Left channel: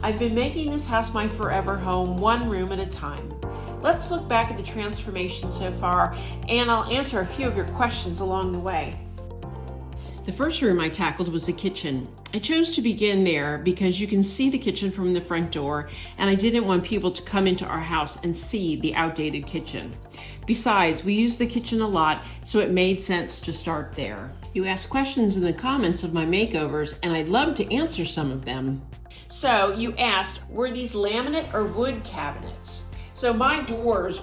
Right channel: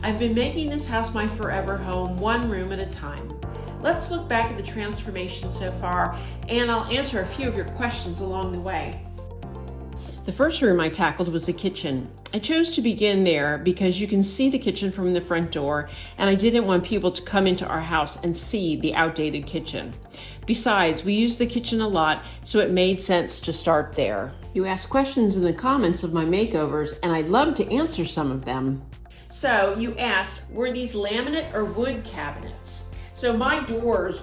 I've been making this house my forever home, one room at a time. Let's look back at the transformation so far, and I'll answer a few of your questions along the way. The first room I tackled was the kitchen. I chose to begin there because you can see the kitchen from the front door, and I didn't want people to come into our house and see the outdated kitchen. Besides, we use the kitchen a lot, so it made sense to start there. You asked questions in the comments of my makeovers, and I'd love to answer some of them. So you asked, were these laminate or wood cabinets? So my doors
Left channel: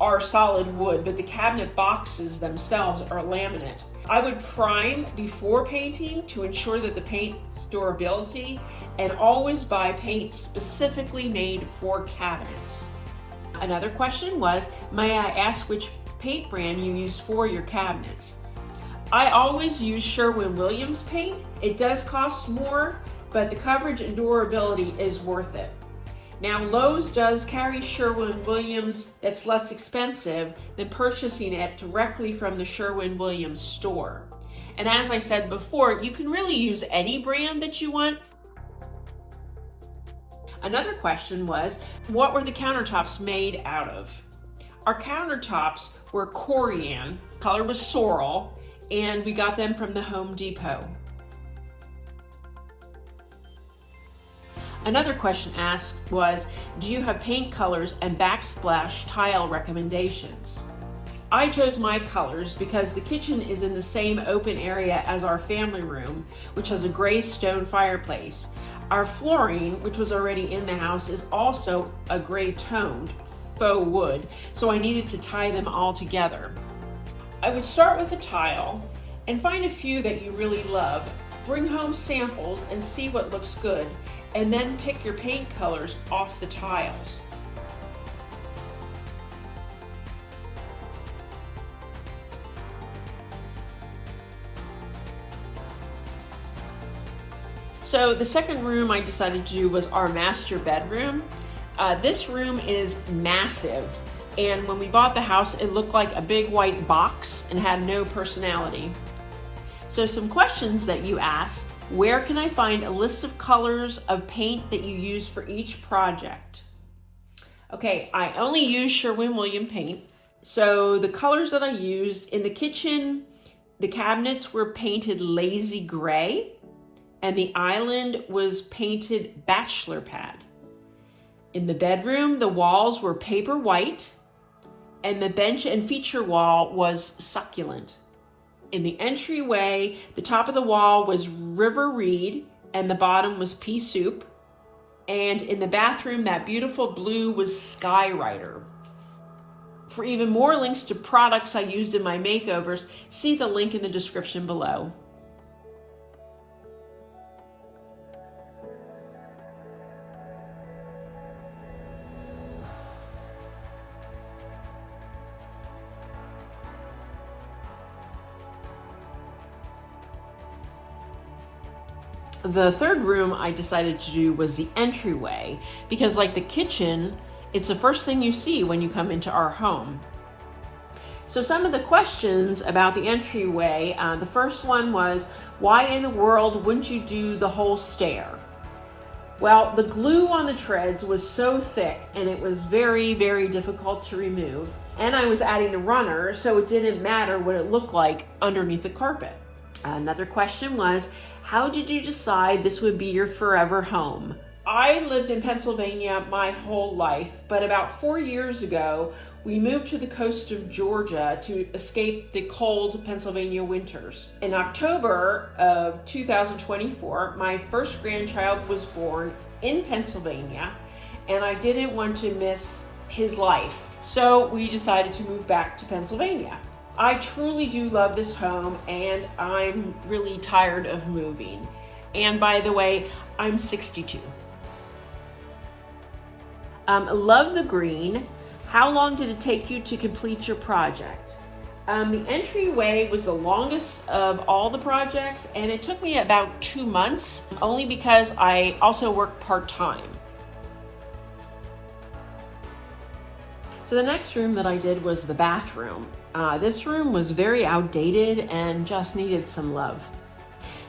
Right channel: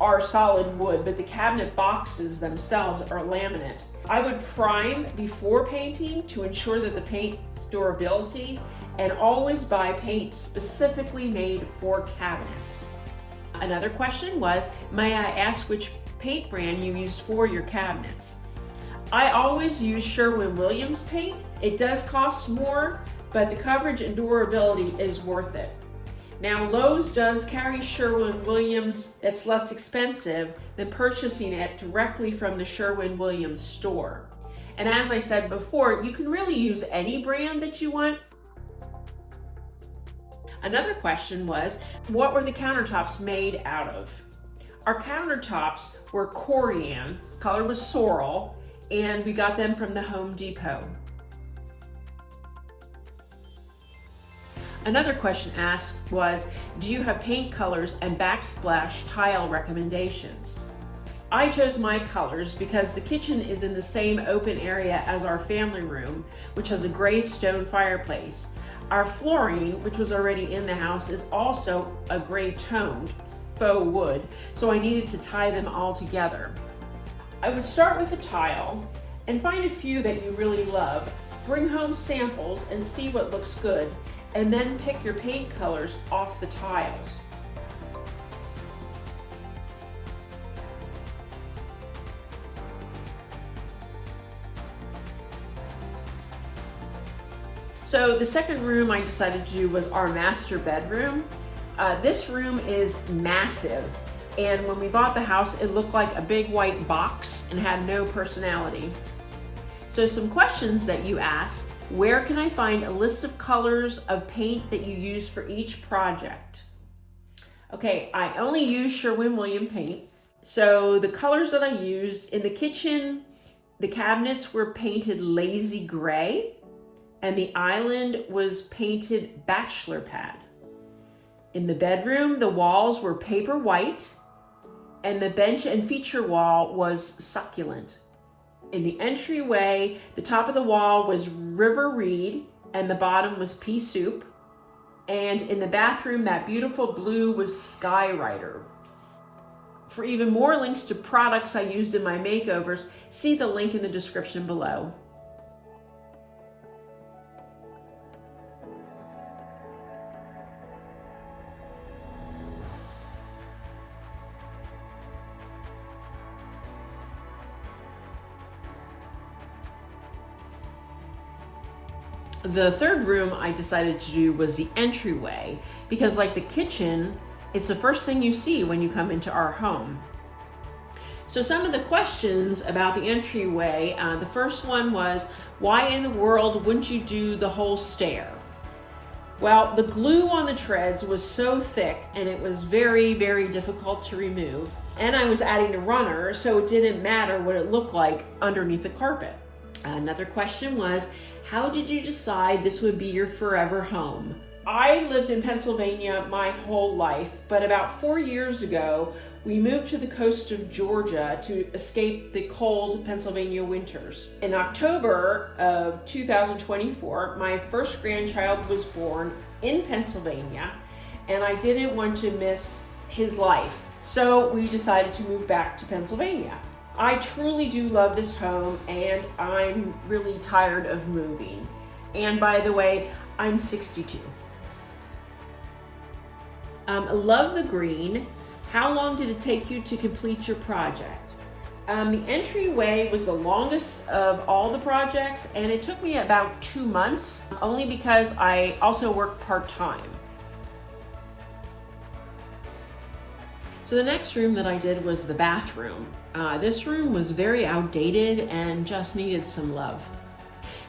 are solid wood, but the cabinet boxes themselves are laminate. I would prime before painting to ensure that the paint's durability, and always buy paint specifically made for cabinets. Another question was, may I ask which paint brand you use for your cabinets? I always use Sherwin-Williams paint. It does cost more, but the coverage and durability is worth it. Now, Lowe's does carry Sherwin-Williams that's less expensive than purchasing it directly from the Sherwin-Williams store. And as I said before, you can really use any brand that you want. Another question was, what were the countertops made out of? Our countertops were corian, color was sorrel, and we got them from the Home Depot. Another question asked was, do you have paint colors and backsplash tile recommendations? I chose my colors because the kitchen is in the same open area as our family room, which has a gray stone fireplace. Our flooring, which was already in the house, is also a gray toned faux wood, so I needed to tie them all together. I would start with a tile and find a few that you really love. Bring home samples and see what looks good, and then pick your paint colors off the tiles. So the second room I decided to do was our master bedroom. This room is massive, and when we bought the house, it looked like a big white box and had no personality. So some questions that you asked: where can I find a list of colors of paint that you use for each project? Okay, I only use Sherwin-Williams paint. So the colors that I used in the kitchen, the cabinets were painted lazy gray, and the island was painted bachelor pad. In the bedroom, the walls were paper white, and the bench and feature wall was succulent. In the entryway, the top of the wall was river reed and the bottom was pea soup. And in the bathroom, that beautiful blue was Skyrider. For even more links to products I used in my makeovers, see the link in the description below. The third room I decided to do was the entryway, because like the kitchen, it's the first thing you see when you come into our home. So some of the questions about the entryway, the first one was, why in the world wouldn't you do the whole stair? Well, the glue on the treads was so thick and it was very, very difficult to remove. And I was adding a runner, so it didn't matter what it looked like underneath the carpet. Another question was, how did you decide this would be your forever home? I lived in Pennsylvania my whole life, but about 4 years ago, we moved to the coast of Georgia to escape the cold Pennsylvania winters. In October of 2024, my first grandchild was born in Pennsylvania, and I didn't want to miss his life. So we decided to move back to Pennsylvania. I truly do love this home, and I'm really tired of moving. And by the way, I'm 62. Love the green. How long did it take you to complete your project? The entryway was the longest of all the projects, and it took me about 2 months, only because I also work part-time. So the next room that I did was the bathroom. This room was very outdated and just needed some love.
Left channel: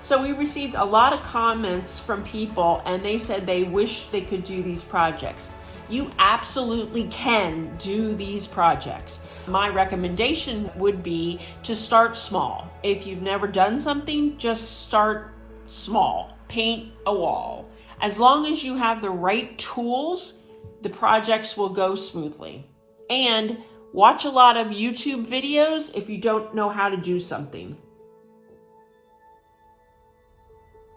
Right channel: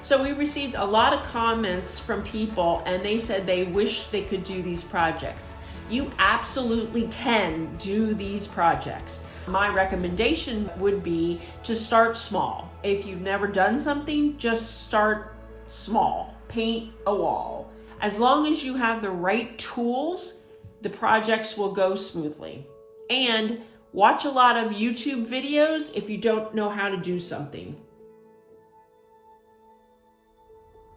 So we received a lot of comments from people, and they said they wish they could do these projects. You absolutely can do these projects. My recommendation would be to start small. If you've never done something, just start small. Paint a wall. As long as you have the right tools, the projects will go smoothly. And watch a lot of YouTube videos if you don't know how to do something.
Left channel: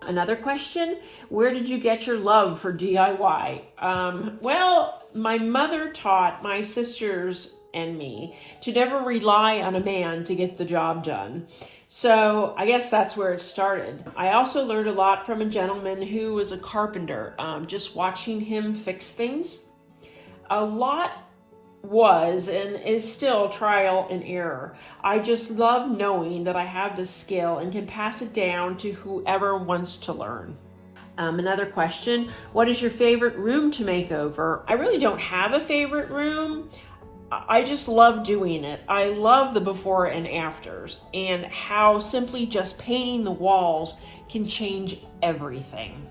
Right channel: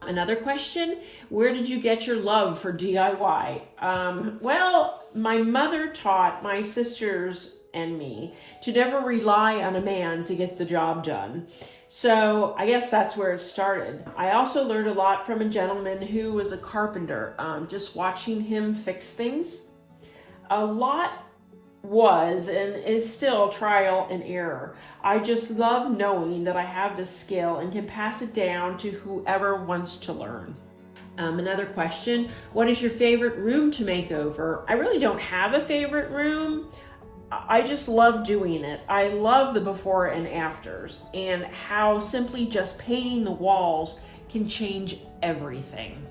Another question, where did you get your love for DIY? Well, my mother taught my sisters and me to never rely on a man to get the job done. So I guess that's where it started. I also learned a lot from a gentleman who was a carpenter, just watching him fix things. A lot was and is still trial and error. I just love knowing that I have this skill and can pass it down to whoever wants to learn. Another question, what is your favorite room to make over? I really don't have a favorite room. I just love doing it. I love the before and afters and how simply just painting the walls can change everything.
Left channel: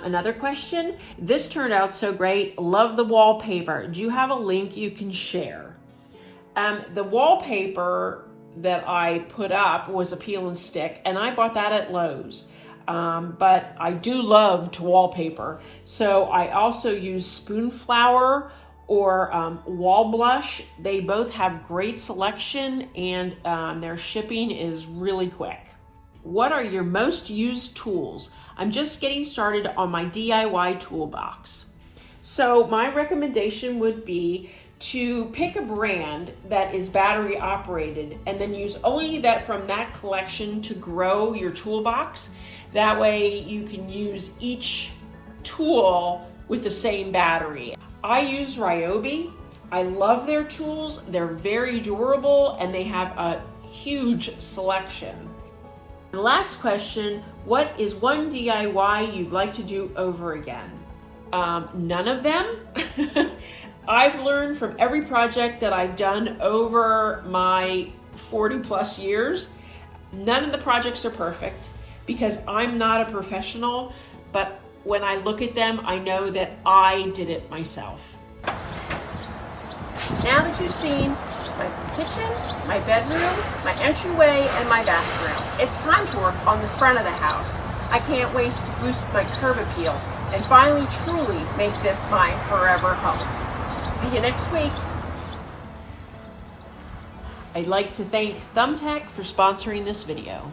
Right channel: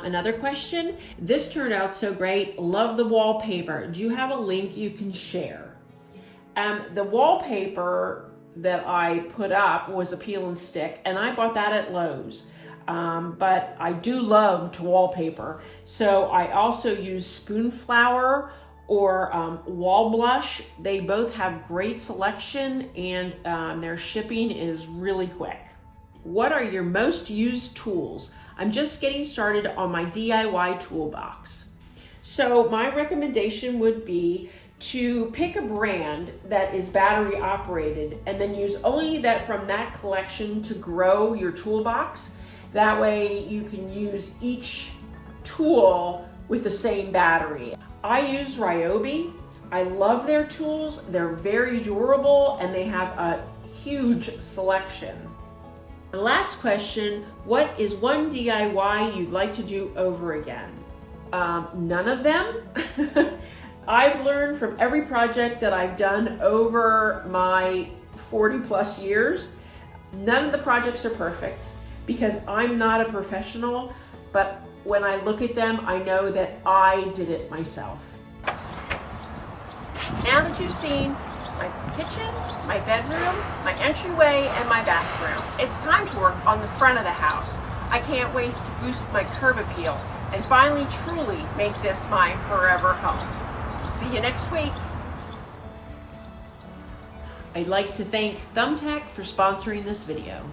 Another question, this turned out so great. Love the wallpaper. Do you have a link you can share? The wallpaper that I put up was a peel and stick, and I bought that at Lowe's. But I do love to wallpaper. So I also use spoon flour or wall blush. They both have great selection, and their shipping is really quick. What are your most used tools? I'm just getting started on my DIY toolbox. So my recommendation would be to pick a brand that is battery operated and then use only that from that collection to grow your toolbox. That way you can use each tool with the same battery. I use Ryobi. I love their tools. They're very durable and they have a huge selection. The last question, what is one DIY you'd like to do over again? None of them. I've learned from every project that I've done over my 40 plus years. None of the projects are perfect because I'm not a professional, but when I look at them, I know that I did it myself. Now that you've seen my kitchen, my bedroom, my entryway, and my bathroom, it's time to work on the front of the house. I can't wait to boost my curb appeal and finally truly make this my forever home. See you next week. I'd like to thank Thumbtack for sponsoring this video.